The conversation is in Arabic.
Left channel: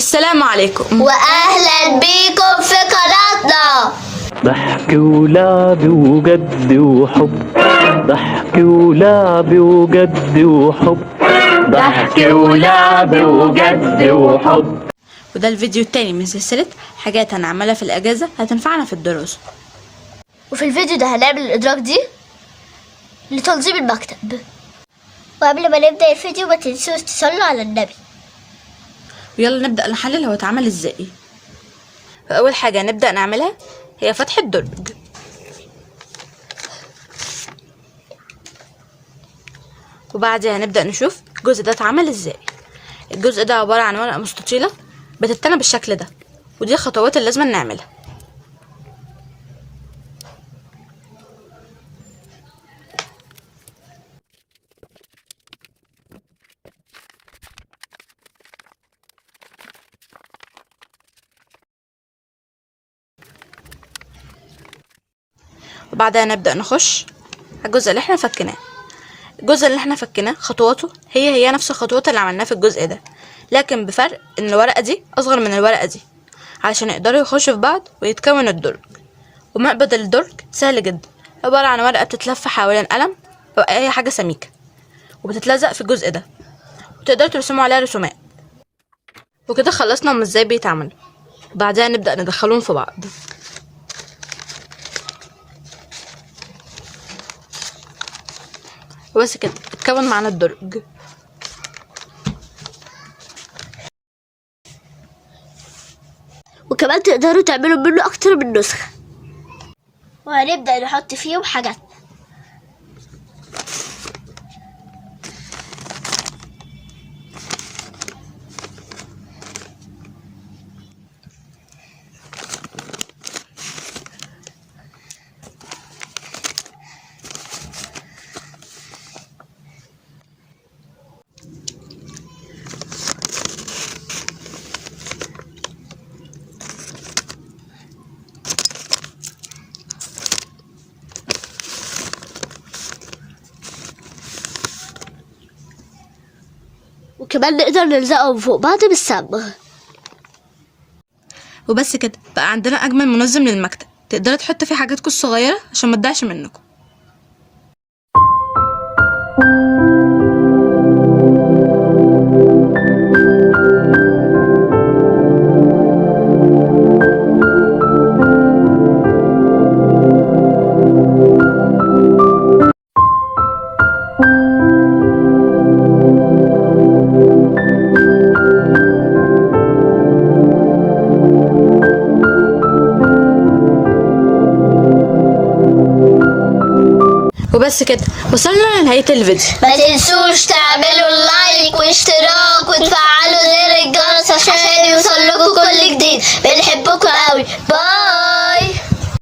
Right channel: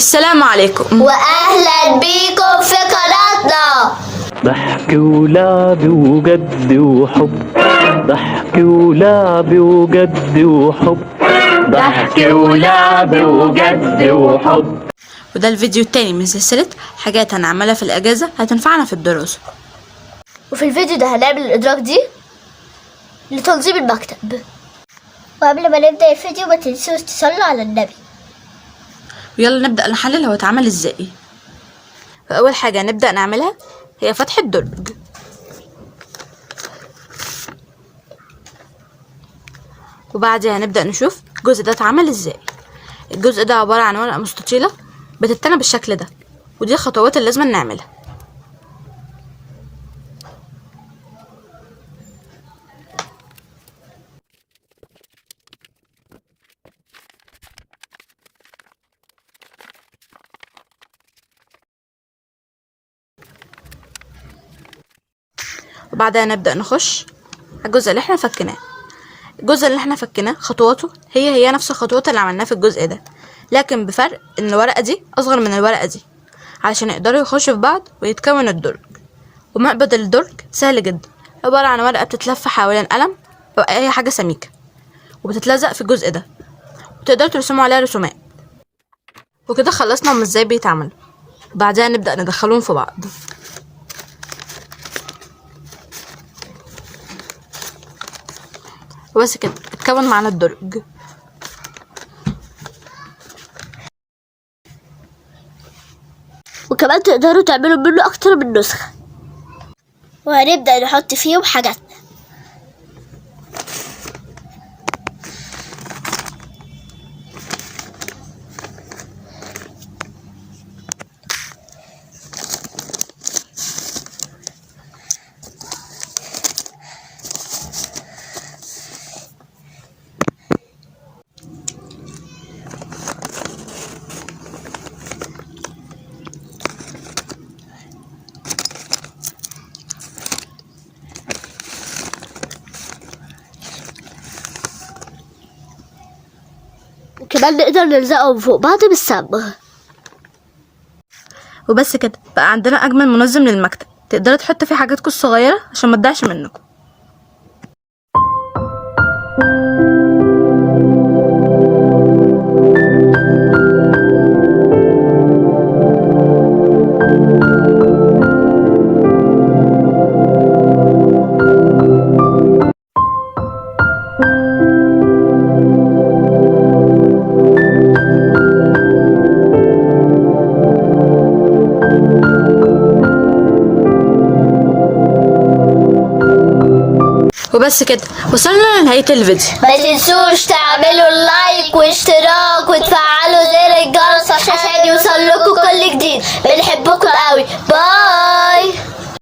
السلام عليكم واهلا بيكم في قناتنا. ضحك ولعب وجد وحب، ضحك ولعب وجد وحب، ضحك ولعب وجد وحب. وده الفيديو التاني من سلسلة حاجات هنعملها في الأجازة هتنفعنا في الدراسة. وفي الفيديو ده هنعمل الإدراك دي لتنظيم المكتب. وقبل ما نبدأ الفيديو ما تنسوش تصلوا على النبي. ويلا نبدأ نحلل هو اتعمل ازاي. فأول حاجة نبدأ نعملها هي فتح الدرج، وبعدها هنبدأ نشوف الجزء ده اتعمل ازاي. الجزء ده عبارة عن ورقة مستطيلة بتتنى بالشكل ده، ودي الخطوات اللي لازم نعملها. وبعدها نبدأ نخش على الجزء اللي احنا فكناه. الجزء اللي احنا فكناه خطواته هي نفس الخطوات اللي عملناها في الجزء ده، لكن بفرق ان الورقة دي اصغر من الورقة دي علشان يقدروا يخشوا في بعض ويتكون الدرج. ومقبض الدرج سهل جدا، عبارة عن ورقة بتتلف حوالين قلم او اي حاجة سميكة وبتتلزق في الجزء ده، وتقدروا ترسموا عليها رسومات. وكده خلصنا هم ازاي بيتعملوا. بعدها نبدأ ندخلهم في بعض. وبس كده اتكون معانا الدرج. وكمان تقدروا تعملوا منه أكتر من نسخة. وهنبدأ نحط فيهم حاجاتنا. وكمان نقدر نلزقهم فوق بعض بالصبغ. وبس كده بقى عندنا اجمل منظم للمكتب، تقدروا تحطوا فيه حاجاتكم الصغيره عشان ما تضيعش منكم. وبس كده وصلنا لنهاية الفيديو. ما تنسوش تعملوا لايك واشتراك وتفعلوا زر الجرس